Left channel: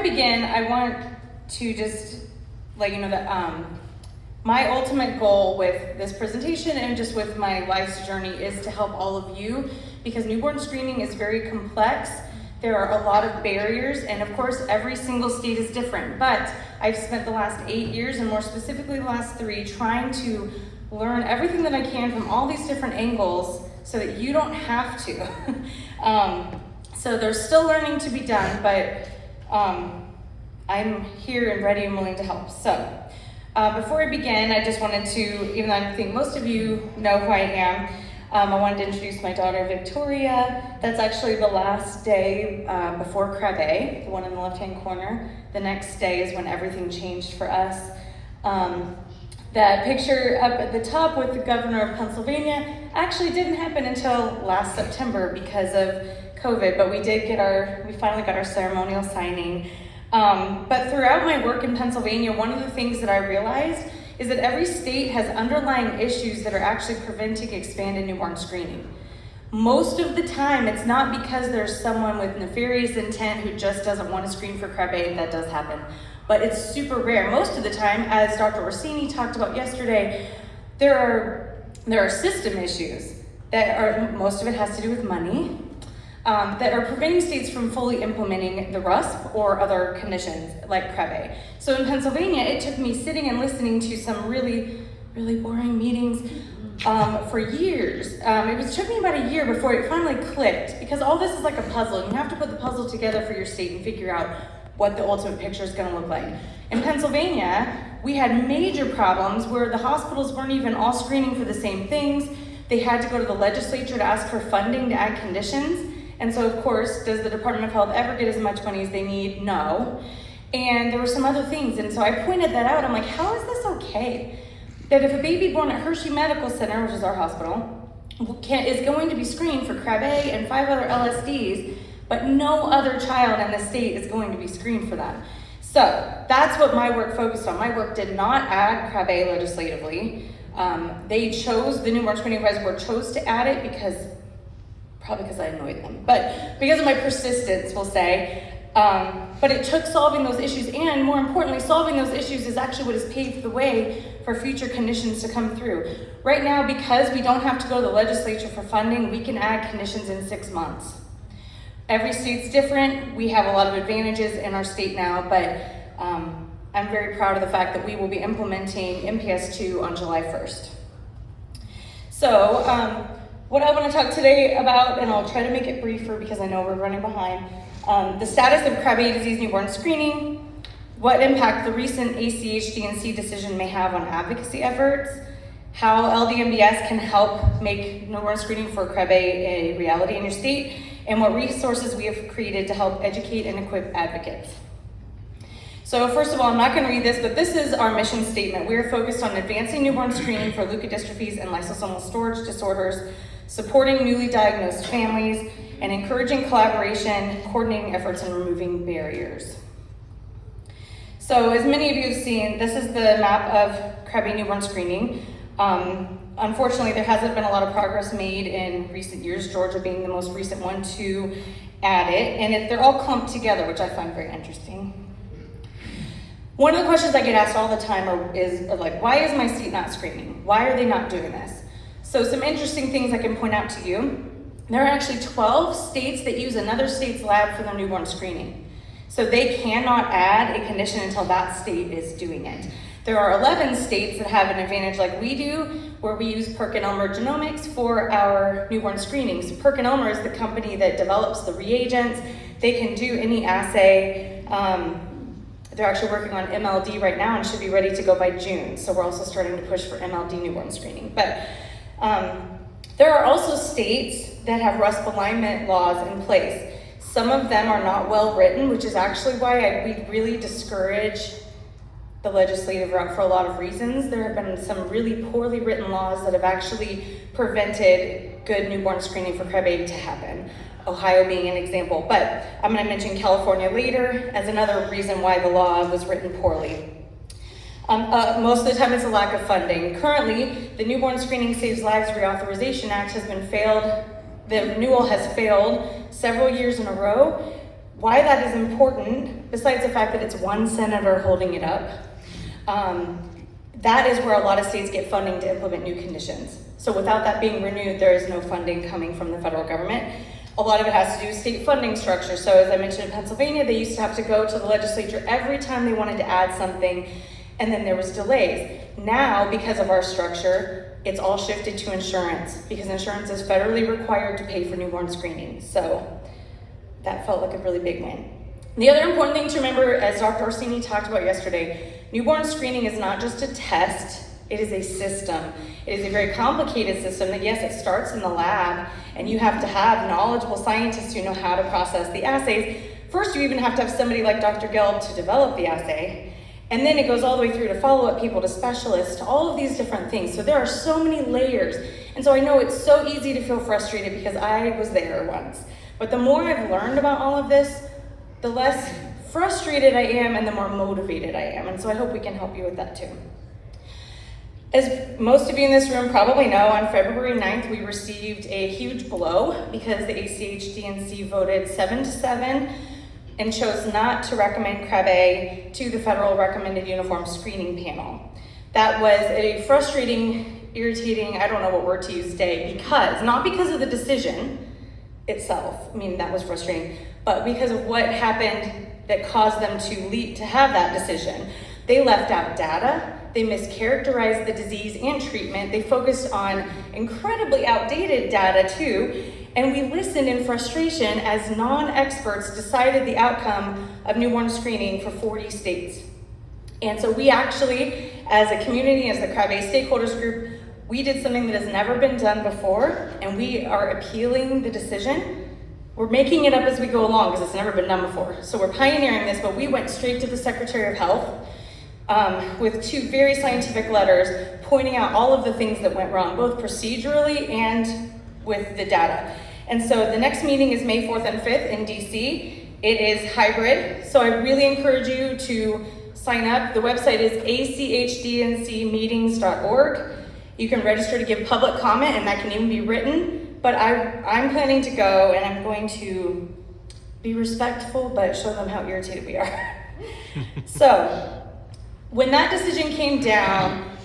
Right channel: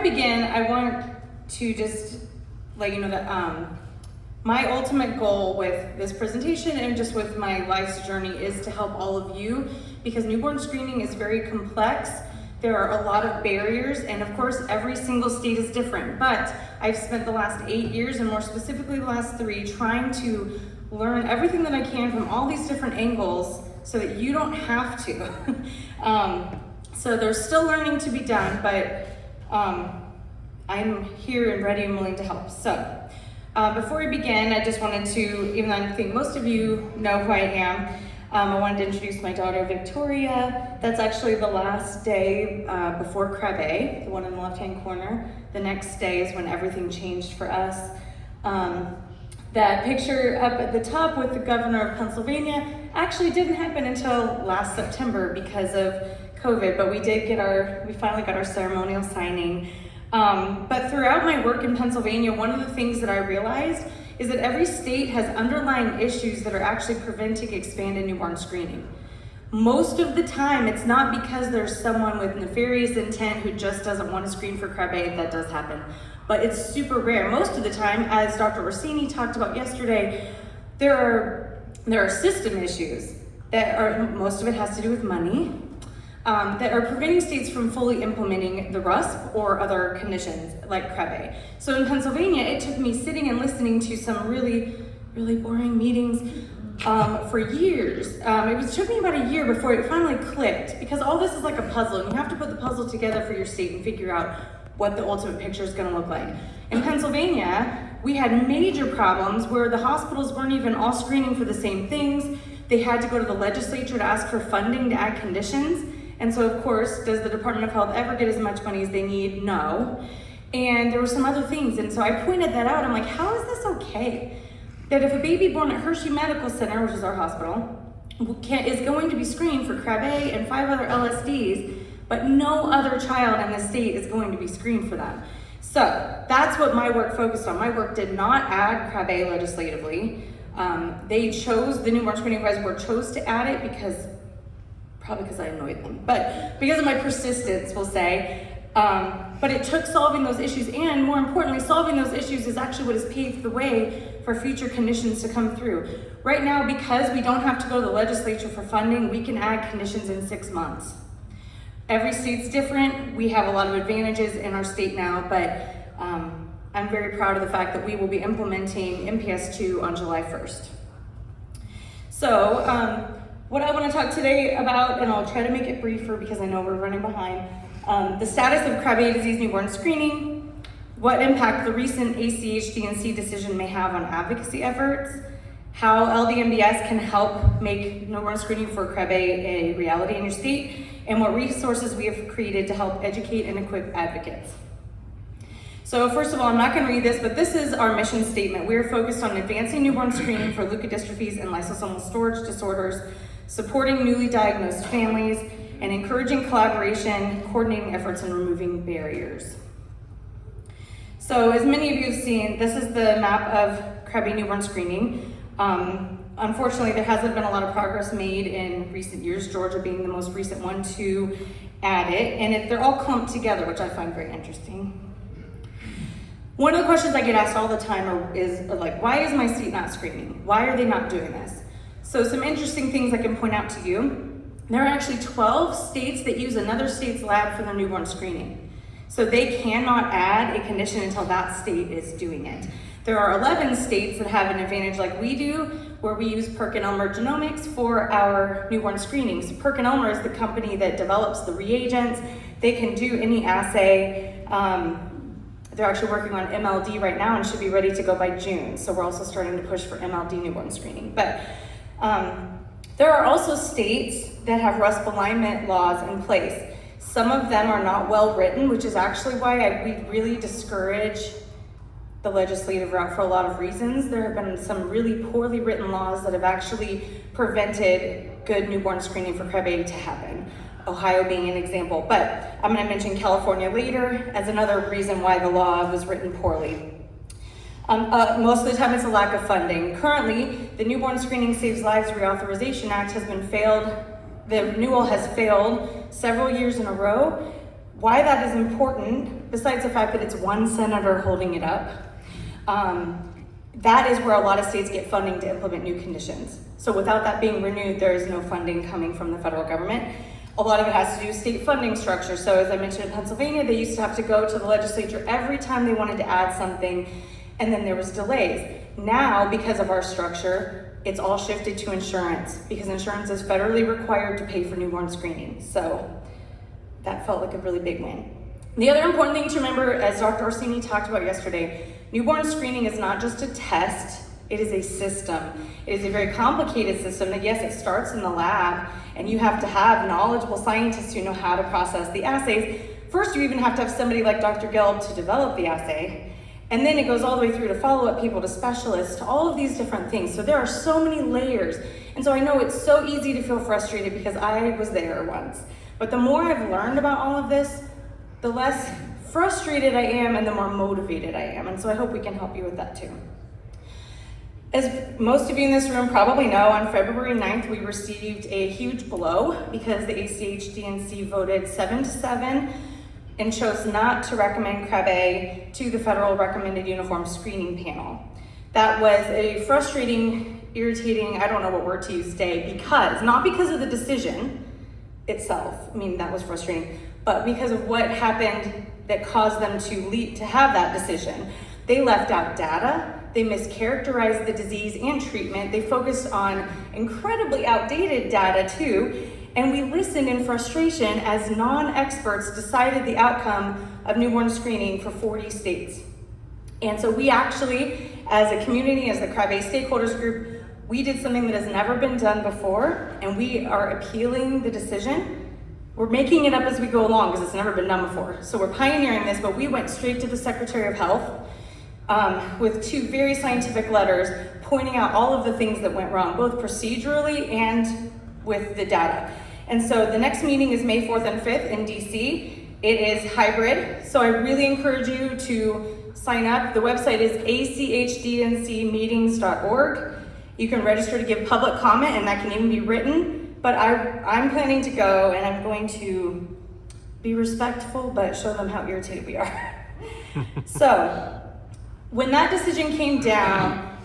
I begin, I want to just let you know that my ultimate goal with this presentation and just with my life's journey is to help all of you, because newborn screening is very complex. There are a lot of barriers, and of course every single state is different, but I've spent the last 8 years, and more specifically the last 3, trying to learn everything that I can from all these different angles so that you don't have to. So there's still learning to be done, but I'm here and ready and willing to help. So before we begin, I just wanted to, even though I think most of you know who I am, I wanted to introduce my daughter, Victoria. That's actually the last day before Krabbe, the one in the left-hand corner. The next day is when everything changed for us. That picture up at the top with the governor of Pennsylvania actually didn't happen until last September because of COVID, but we finally got our ceremonial signing. But throughout my work in Pennsylvania, one of the things that I realized is that every state has underlying issues that are actually preventing expanded newborn screening. Most of the time, it's not because there's someone with nefarious intent who just doesn't want to screen for Krabbe, and that does happen. But it's super rare. Most of the time, as Dr. Orsini talked about yesterday, there are system issues most of it has to do with money, that are preventing states from fully implementing the RUSP or other conditions like Krabbe. So in Pennsylvania, it took me sitting and listening to some really, really boring meetings for years. It took me about a year before it finally clicked, because all this is like a puzzle. You have to put the puzzle together for your state and figure out what the ultimate picture is going to look like. In Pennsylvania, we had major problems where the hospitals weren't even all screening for the same things. They had to go to the legislature to ask for funding to add conditions. And so, of course, does the Department of Health ever get as much money as they need? No. And there were some other things. And so I pointed that out. I'm like, how is this okay? That if a baby born at Hershey Medical Center, which is our hospital, is going to be screened for Krabbe and 5 other LSDs, but no other child in the state is going to be screened for that. So that's what my work focused on. My work did not add Krabbe legislatively. The newborn screening advisory board chose to add it probably because I annoyed them, but because of my persistence, we'll say. But it took solving those issues, and more importantly, solving those issues is actually what has paved the way for future conditions to come through. Right now, because we don't have to go to the legislature for funding, we can add conditions in 6 months. Every state's different. We have a lot of advantages in our state now, but I'm very proud of the fact that we will be implementing NBS 2 on July 1st. So what I want to talk today about, and I'll try to make it briefer because I know we're running behind, the status of Krabbe disease newborn screening, what impact the recent ACHDNC decision may have on advocacy efforts, how LDNBS can help make newborn screening for Krabbe a reality in your state, and what resources we have created to help educate and equip advocates. So first of all, I'm not going to read this, but this is our mission statement. We are focused on advancing newborn screening for leukodystrophies and lysosomal storage disorders, supporting newly diagnosed families, and encouraging collaboration, coordinating efforts, and removing barriers. So as many of you have seen, this is the map of Krabbe newborn screening. Unfortunately, there hasn't been a lot of progress made in recent years, Georgia being the most recent one to add it, and they're all clumped together, which I find very interesting. One of the questions I get asked all the time is like, why is my state not screening? Why are they not doing this? So some interesting things I can point out to you. There are actually 12 states that use another state's lab for their newborn screening. So they cannot add a condition until that state is doing it. There are 11 states that have an advantage like we do, where we use PerkinElmer Genomics for our newborn screenings. PerkinElmer is the company that develops the reagents. They can do any assay. They're actually working on MLD right now and should be ready to go by June. So we're also starting to push for MLD newborn screening. But there are also states that have RUSP alignment laws in place. Some of them are not well written, which is actually why we really discourage the legislative route for a lot of reasons. There have been some really poorly written laws that have actually prevented good newborn screening for Krabbe to happen. Ohio being an example, but I'm going to mention California later as another reason why the law was written poorly. Most of the time it's a lack of funding. Currently, the Newborn Screening Saves Lives Reauthorization Act has been failed. The renewal has failed several years in a row. why that is important, besides the fact that it's one senator holding it up, that is where a lot of states get funding to implement new conditions. So without that being renewed, there is no funding coming from the federal government. A lot of it has to do with state funding structure. So as I mentioned in Pennsylvania, they used to have to go to the legislature every time they wanted to add something, and then there was delays. Now, because of our structure, it's all shifted to insurance, because insurance is federally required to pay for newborn screening. So that felt like a really big win. The other important thing to remember, as Dr. Orsini talked about yesterday, newborn screening is not just a test, it is a system. It is a very complicated system that, yes, it starts in the lab, and you have to have knowledgeable scientists who know how to process the assays. First, you even have to have somebody like Dr. Gelb to develop the assay, and then it goes all the way through to follow-up people, to specialists, to all of these different things. So there are so many layers. And so I know it's so easy to feel frustrated because I was there once. But the more I've learned about all of this, the less frustrated I am and the more motivated I am. And so I hope we can help you with that too. As most of you in this room probably know, on February 9th, we received a huge blow because the ACH-DNC voted 7-7 and chose not to recommend Krabbe to the federal recommended uniform screening panel. That was a frustrating, irritating, I don't know what word to use today, because, not because of the decision itself, I mean, that was frustrating, but because of what happened that caused them to have that decision. They left out data, they mischaracterized the disease and treatment, they focused on incredibly outdated data too, and we listened in frustration as non-experts decided the outcome of newborn screening for 40 states. And so we actually, as a community, as the Krabbe stakeholders group, we did something that has never been done before, and we are appealing the decision. We're making it up as we go along because it's never been done before. So we're pioneering this, but we went straight to the Secretary of Health with 2 very scientific letters pointing out all of the things that went wrong, both procedurally and with the data. And so the next meeting is May 4th and 5th in DC. It is hybrid, so I really encourage you to sign up. The website is achdncmeetings.org. You can register to give public comment, and that can even be written, but I'm planning to go, and I'm going to be respectful, but show them how irritated we are. So, when that decision came down,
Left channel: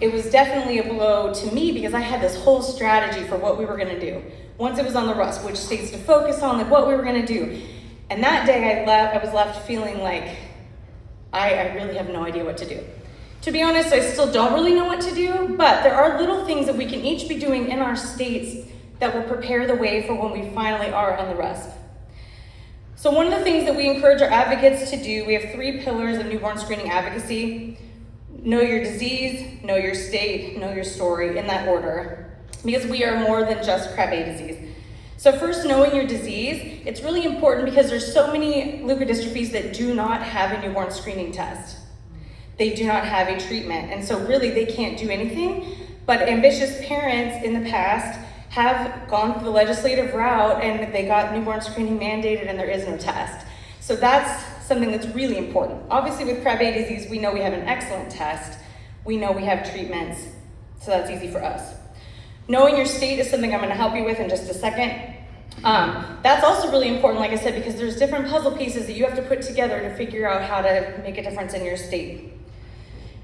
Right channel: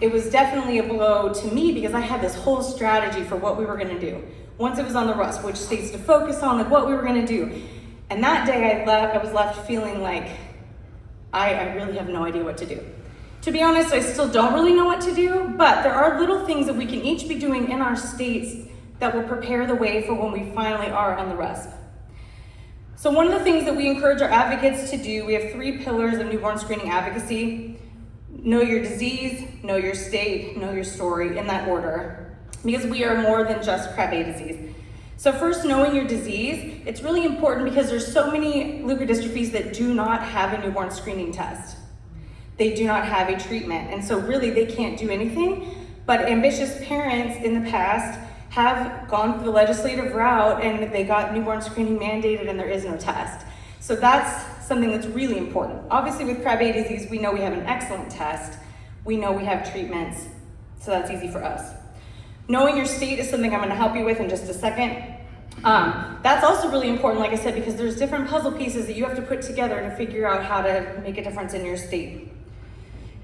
it was definitely a blow to me because I had this whole strategy for what we were gonna do. Once it was on the RUSP, which states to focus on, like what we were gonna do. And that day I was left feeling like I really have no idea what to do. To be honest, I still don't really know what to do, but there are little things that we can each be doing in our states that will prepare the way for when we finally are on the RUSP. So one of the things that we encourage our advocates to do, we have 3 pillars of newborn screening advocacy. Know your disease, know your state, know your story, in that order, because we are more than just Krabbe disease. So first, knowing your disease, it's really important because there's so many leukodystrophies that do not have a newborn screening test. They do not have a treatment, and so really they can't do anything, but ambitious parents in the past have gone through the legislative route and they got newborn screening mandated and there is no test. So that's something that's really important. Obviously with Krabbe disease, we know we have an excellent test. We know we have treatments, so that's easy for us. Knowing your state is something I'm gonna help you with in just a second. That's also really important, like I said, because there's different puzzle pieces that you have to put together to figure out how to make a difference in your state.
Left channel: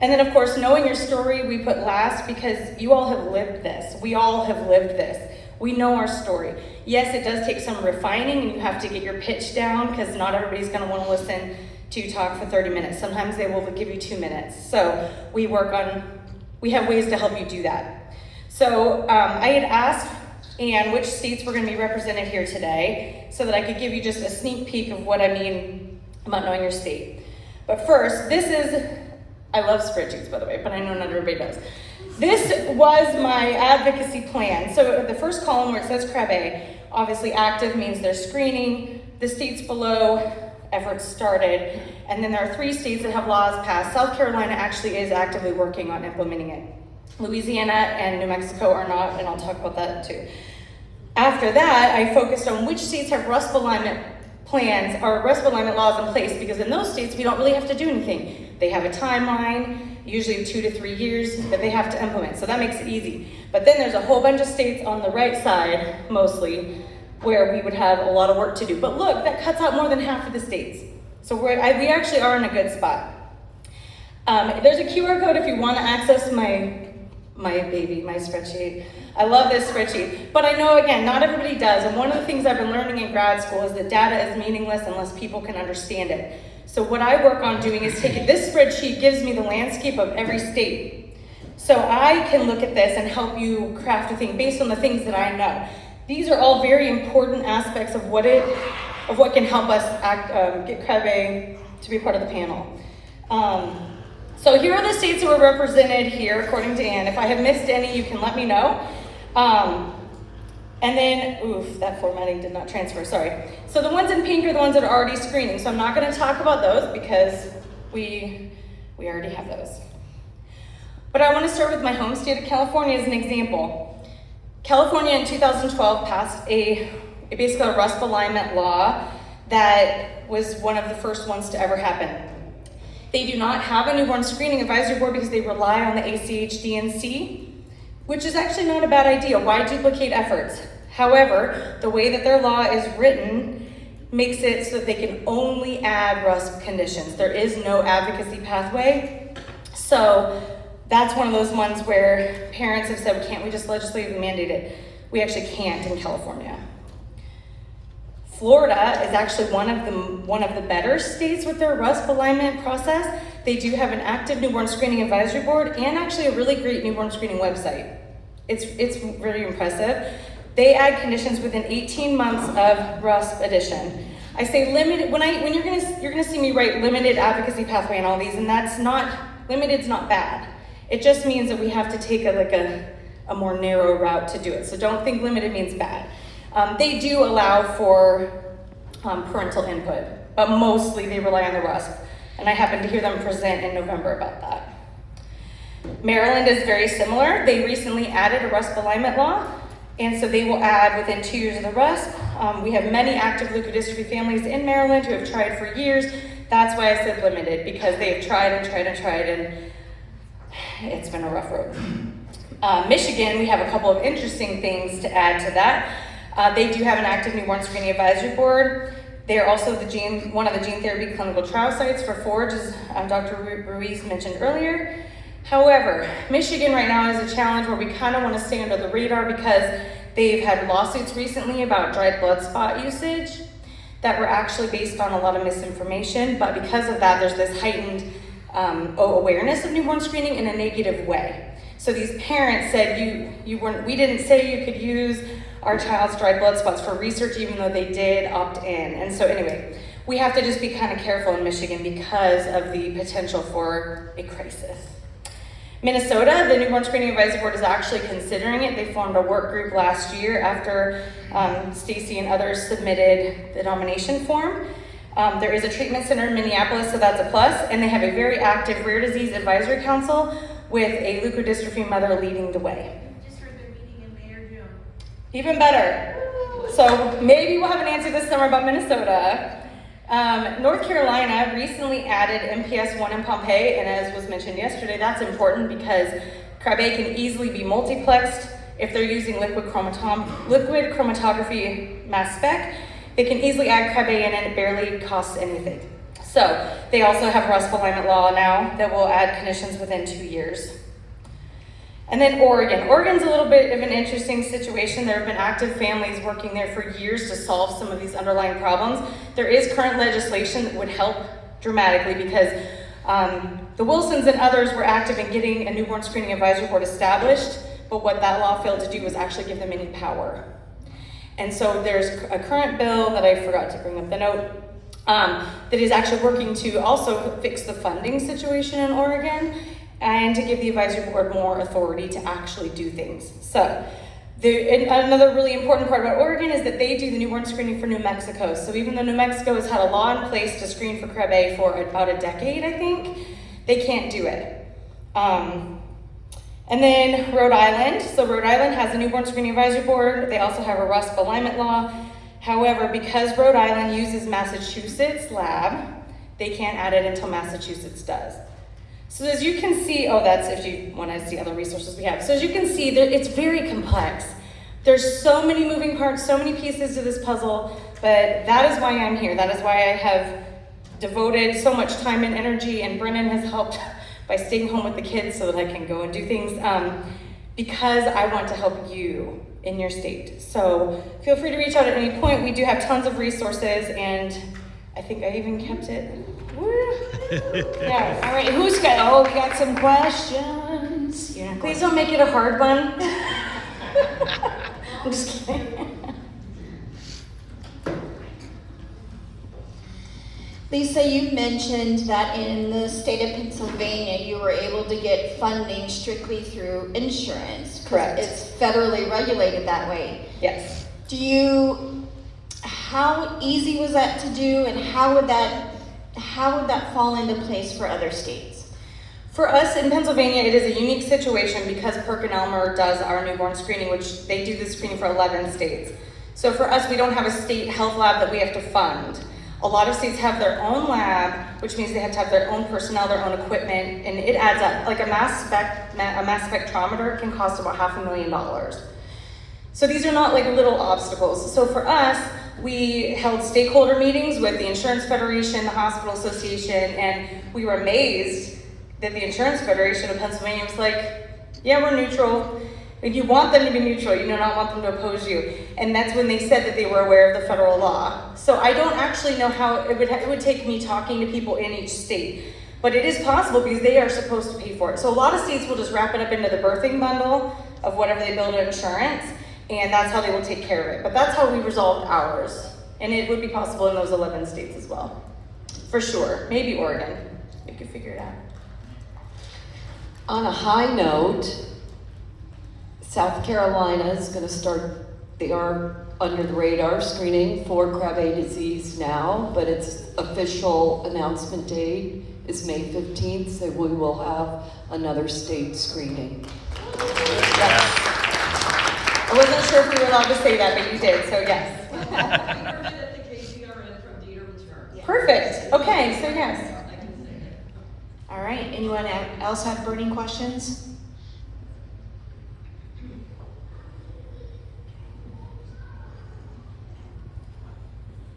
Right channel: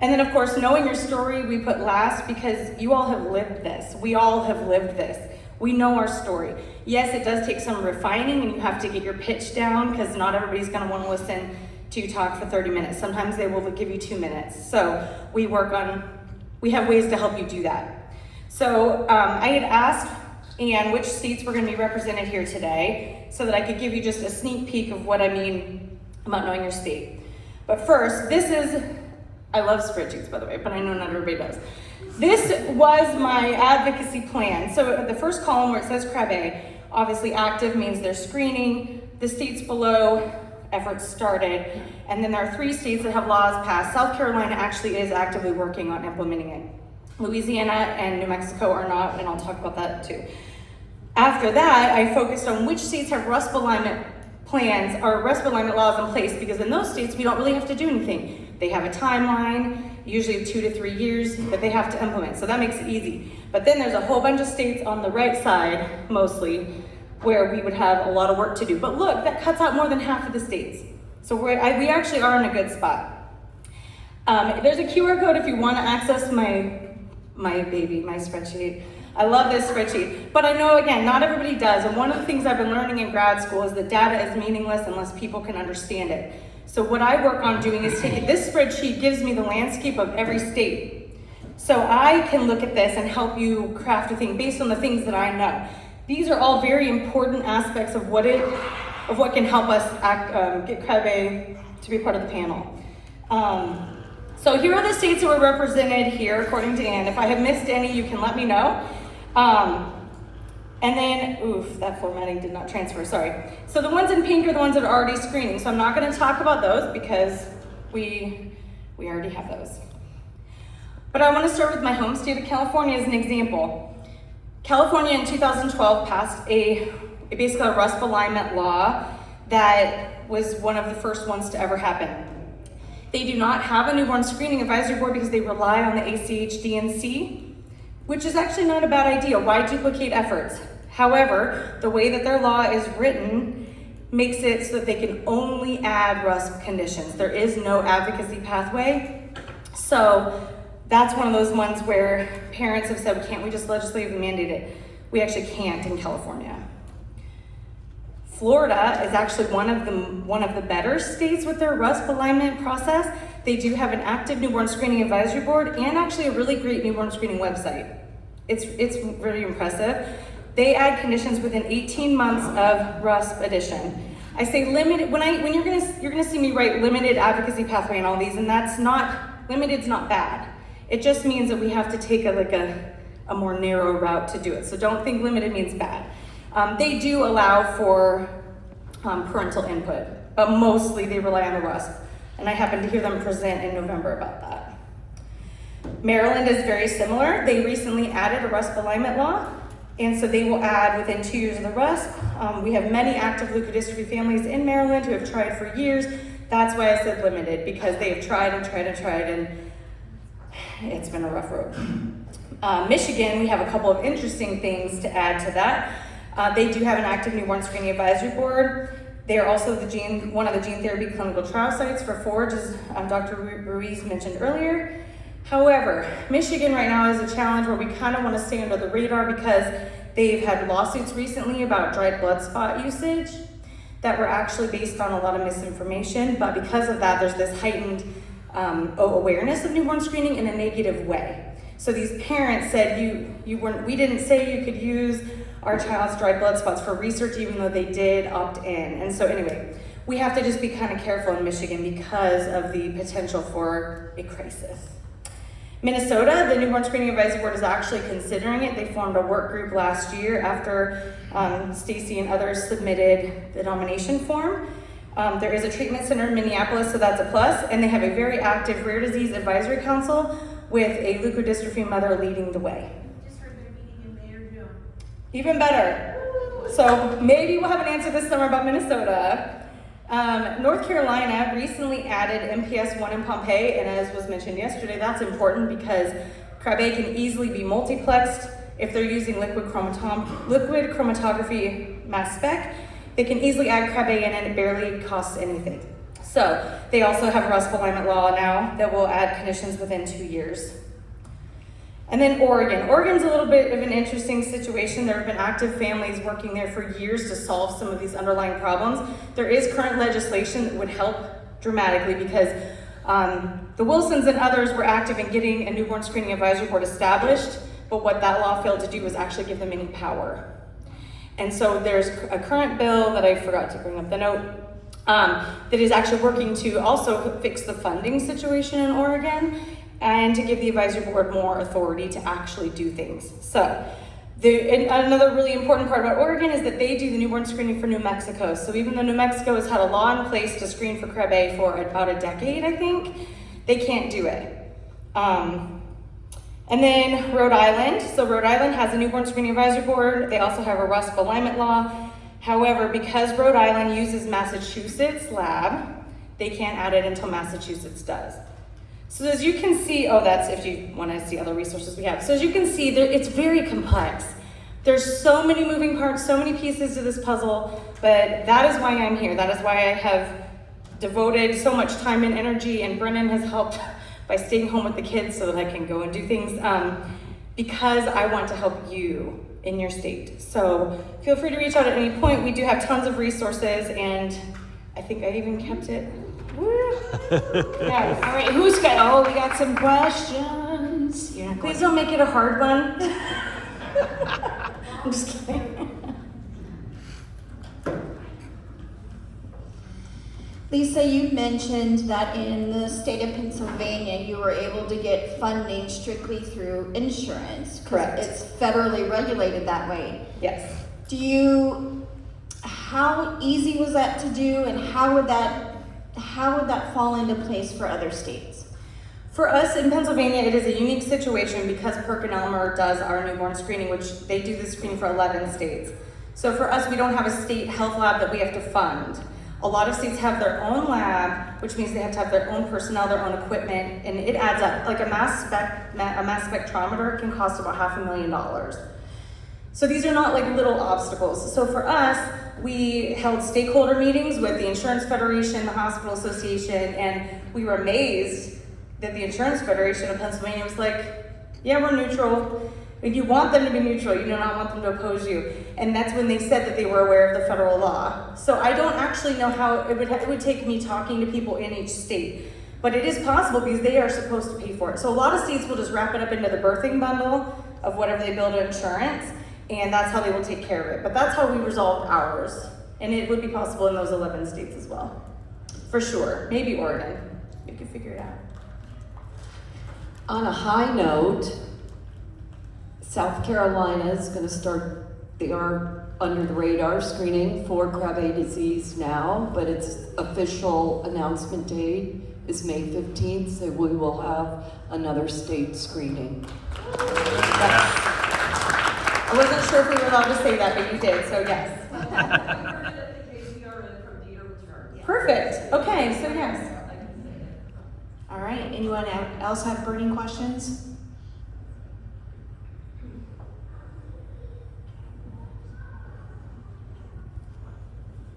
And then of course, knowing your story, we put last because you all have lived this. We all have lived this. We know our story. Yes, it does take some refining and you have to get your pitch down because not everybody's gonna wanna listen to you talk for 30 minutes. Sometimes they will give you 2 minutes. So we have ways to help you do that. So I had asked Anne which states were gonna be represented here today so that I could give you just a sneak peek of what I mean about knowing your state. But first, I love spreadsheets, by the way, but I know not everybody does. This was my advocacy plan. So the first column where it says Krabbe, obviously active means they're screening. The states below, efforts started. And then there are 3 states that have laws passed. South Carolina actually is actively working on implementing it. Louisiana and New Mexico are not, and I'll talk about that too. After that, I focused on which states have RUSP alignment plans or RUSP alignment laws in place, because in those states, we don't really have to do anything. They have a timeline, usually 2 to 3 years, that they have to implement, so that makes it easy. But then there's a whole bunch of states on the right side, mostly, where we would have a lot of work to do. But look, that cuts out more than half of the states. So we actually are in a good spot. There's a QR code if you want to access my spreadsheet. I love this spreadsheet, but I know, again, not everybody does. And one of the things I've been learning in grad school is that data is meaningless unless people can understand it. So what I work on doing is taking this spreadsheet gives me the landscape of every state. So I can look at this and help you craft a thing based on the things that I know. These are all very important aspects of what can help us get Krabbe to be part of the panel. So here are the states that were represented here, according to Ann. If I have missed any, you can let me know. And then, that formatting did not transfer, sorry. So the ones in pink are the ones that are already screening. So I'm not gonna talk about those because we already have those. But I wanna start with my home state of California as an example. California in 2012 passed basically a RUSP alignment law that was one of the first ones to ever happen. They do not have a newborn screening advisory board because they rely on the ACH-DNC, which is actually not a bad idea. Why duplicate efforts? However, the way that their law is written makes it so that they can only add RUSP conditions. There is no advocacy pathway. So that's one of those ones where parents have said, can't we just legislatively mandate it? We actually can't in California. Florida is actually one of the better states with their RUSP alignment process. They do have an active newborn screening advisory board and actually a really great newborn screening website. It's really impressive. They add conditions within 18 months of RUSP addition. I say limited, when you're gonna see me write limited advocacy pathway and all these, and that's not, limited's not bad. It just means that we have to take a more narrow route to do it. So don't think limited means bad. They do allow for parental input, but mostly they rely on the RUSP. And I happened to hear them present in November about that. Maryland is very similar. They recently added a RUSP alignment law, and so they will add within 2 years of the RUSP. We have many active leukodystrophy families in Maryland who have tried for years. That's why I said limited, because they have tried and tried and tried, and it's been a rough road. Michigan, we have a couple of interesting things to add to that. They do have an active newborn screening advisory board. They are also one of the gene therapy clinical trial sites for Forge, as Dr. Ruiz mentioned earlier. However, Michigan right now is a challenge where we kind of want to stay under the radar because they've had lawsuits recently about dried blood spot usage that were actually based on a lot of misinformation, but because of that, there's this heightened awareness of newborn screening in a negative way. So these parents said, we didn't say you could use our child's dried blood spots for research, even though they did opt in. And so anyway, we have to just be kind of careful in Michigan because of the potential for a crisis. Minnesota, the newborn screening advisory board is actually considering it. They formed a work group last year after Stacy and others submitted the nomination form. There is a treatment center in Minneapolis, so that's a plus. And they have a very active rare disease advisory council with a leukodystrophy mother leading the way. Just heard they're meeting in May or June. Even better. So maybe we'll have an answer this summer about Minnesota. North Carolina recently added NBS 1 in Pompeii, and as was mentioned yesterday, that's important because Krabbe can easily be multiplexed if they're using liquid chromatography mass spec. They can easily add Krabbe in and it barely costs anything. So they also have RUSP alignment law now that will add conditions within 2 years. And then Oregon. Oregon's a little bit of an interesting situation. There have been active families working there for years to solve some of these underlying problems. There is current legislation that would help dramatically because the Wilsons and others were active in getting a newborn screening advisory board established, but what that law failed to do was actually give them any power. And so there's a current bill that I forgot to bring up the note that is actually working to also fix the funding situation in Oregon and to give the advisory board more authority to actually do things. So another really important part about Oregon is that they do the newborn screening for New Mexico. So even though New Mexico has had a law in place to screen for Krabbe for about a decade, I think, they can't do it. And then Rhode Island. So Rhode Island has a newborn screening advisory board. They also have a RUSP alignment law. However, because Rhode Island uses Massachusetts lab, they can't add it until Massachusetts does. So as you can see, that's if you want to see other resources we have. So as you can see, it's very complex. There's so many moving parts, so many pieces to this puzzle, but that is why I'm here. That is why I have devoted so much time and energy, and Brennan has helped by staying home with the kids so that I can go and do things, because I want to help you in your state. So feel free to reach out at any point. We do have tons of resources, and I think I even kept it. Yeah. All right, who's got, we got some questions. Yeah. Please don't make it a hard one. I'm just kidding. Lisa, you mentioned that in the state of Pennsylvania, you were able to get funding strictly through insurance. Correct. It's federally regulated that way. Yes. How easy was that to do, and how would that fall into place for other states? For us in Pennsylvania, it is a unique situation because PerkinElmer does our newborn screening, which they do the screening for 11 states. So for us, we don't have a state health lab that we have to fund. A lot of states have their own lab, which means they have to have their own personnel, their own equipment, and it adds up. Like a mass spectrometer can cost about $500,000. So these are not like little obstacles. So for us, we held stakeholder meetings with the Insurance Federation, the Hospital Association, and we were amazed that the Insurance Federation of Pennsylvania was like, yeah, we're neutral. Like, you want them to be neutral, you do not want them to oppose you. And that's when they said that they were aware of the federal law. So I don't actually know how it would take me talking to people in each state. But it is possible because they are supposed to pay for it. So a lot of states will just wrap it up into the birthing bundle of whatever they build in insurance, and that's how they will take care of it. But that's how we resolved ours. And it would be possible in those 11 states as well. For sure. Maybe Oregon. We could figure it out. On a high note, South Carolina is going to start their under the radar screening for Krabbe disease now, but its official announcement date is May 15th, so we will have another state screening. Yes. I wasn't sure if we were allowed to say that, but you did, so yes. Perfect. Okay, so yes. All right, anyone else have burning questions?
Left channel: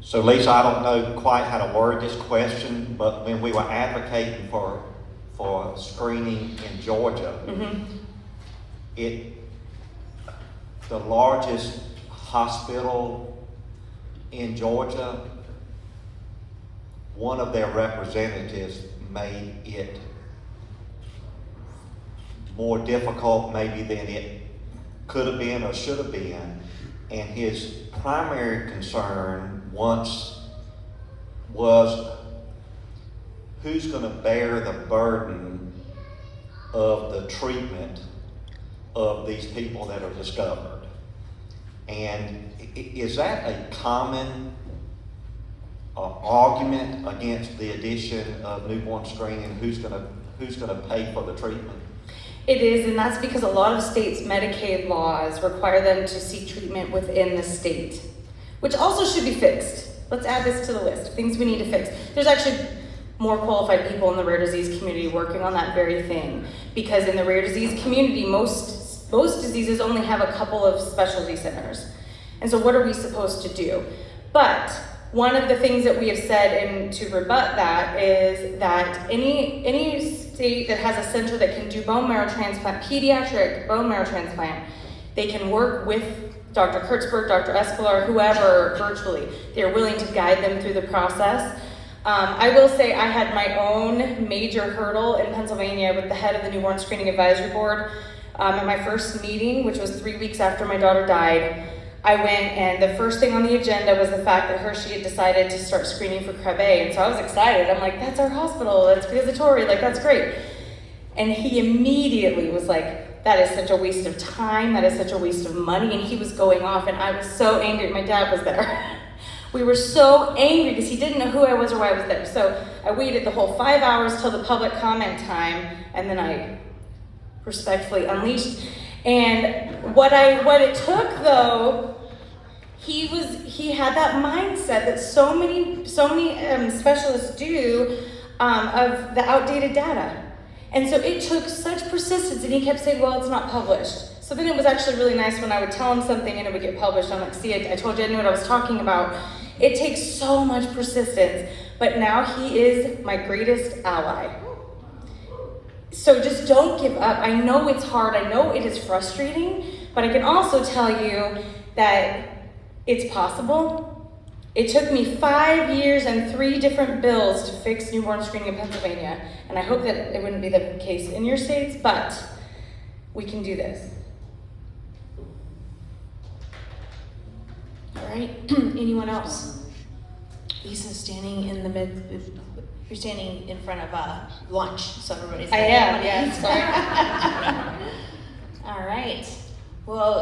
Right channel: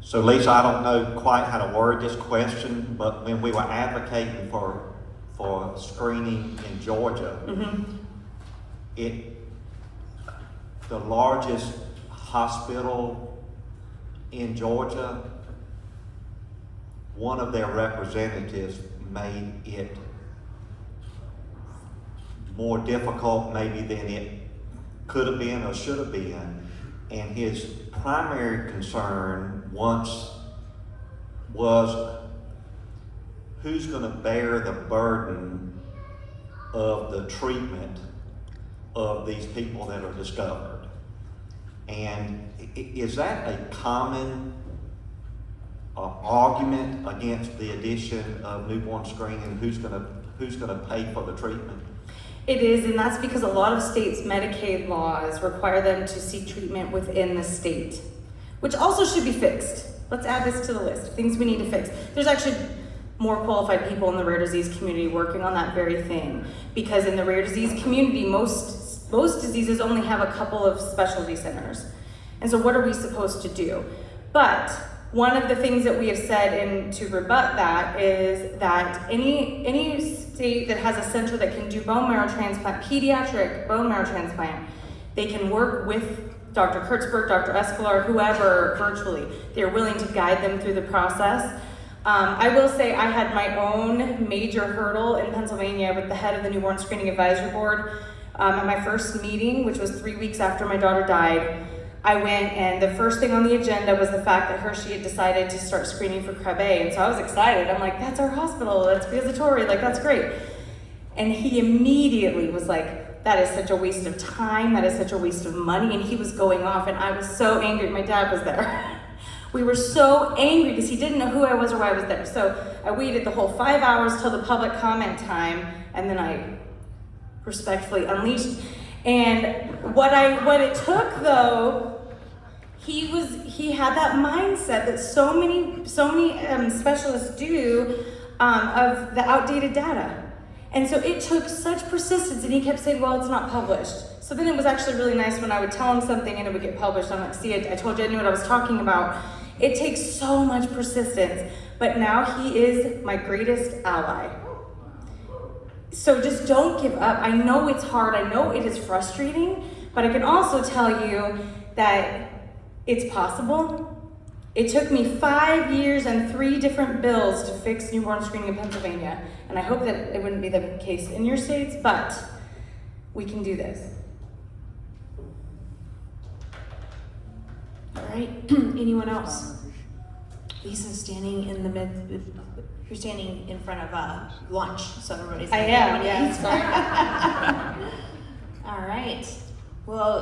So Lisa, I don't know quite how to word this question, but when we were advocating for screening in Georgia, the largest hospital in Georgia, one of their representatives made it more difficult maybe than it could have been or should have been, and his primary concern once was who's going to bear the burden of the treatment of these people that are discovered. And is that a common argument against the addition of newborn screening? Who's going to pay for the treatment? It is, and that's because a lot of states' Medicaid laws require them to seek treatment within the state, which also should be fixed. Let's add this to the list of things we need to fix. There's actually more qualified people in the rare disease community working on that very thing, because in the rare disease community, most diseases only have a couple of specialty centers. And so what are we supposed to do? But one of the things that we have said, and to rebut that, is that any state that has a center that can do bone marrow transplant, pediatric bone marrow transplant, they can work with Dr. Kurtzberg, Dr. Escolar, whoever, virtually. They're willing to guide them through the process. I will say I had my own major hurdle in Pennsylvania with the head of the Newborn Screening Advisory Board. At my first meeting, which was 3 weeks after my daughter died, I went, and the first thing on the agenda was the fact that Hershey had decided to start screening for Krabbe, and so I was excited. I'm like, that's our hospital, that's visitory, like that's great. And he immediately was like, that is such a waste of time, that is such a waste of money, and he was going off, and I was so angry. My dad was there. We were so angry because he didn't know who I was or why I was there. So I waited the whole 5 hours till the public comment time, and then I respectfully unleashed. And what it took though, he had that mindset that so many specialists do of the outdated data. And so it took such persistence, and he kept saying, well, it's not published. So then it was actually really nice when I would tell him something and it would get published. I'm like, see, I told you I knew what I was talking about. It takes so much persistence, but now he is my greatest ally. So just don't give up. I know it's hard, I know it is frustrating, but I can also tell you that it's possible. It took me 5 years and 3 different bills to fix newborn screening in Pennsylvania, and I hope that it wouldn't be the case in your states, but we can do this. All right, anyone else? Lisa's standing in the mid, you're standing in front of lunch, so everybody's. I am, yeah, sorry. All right, well.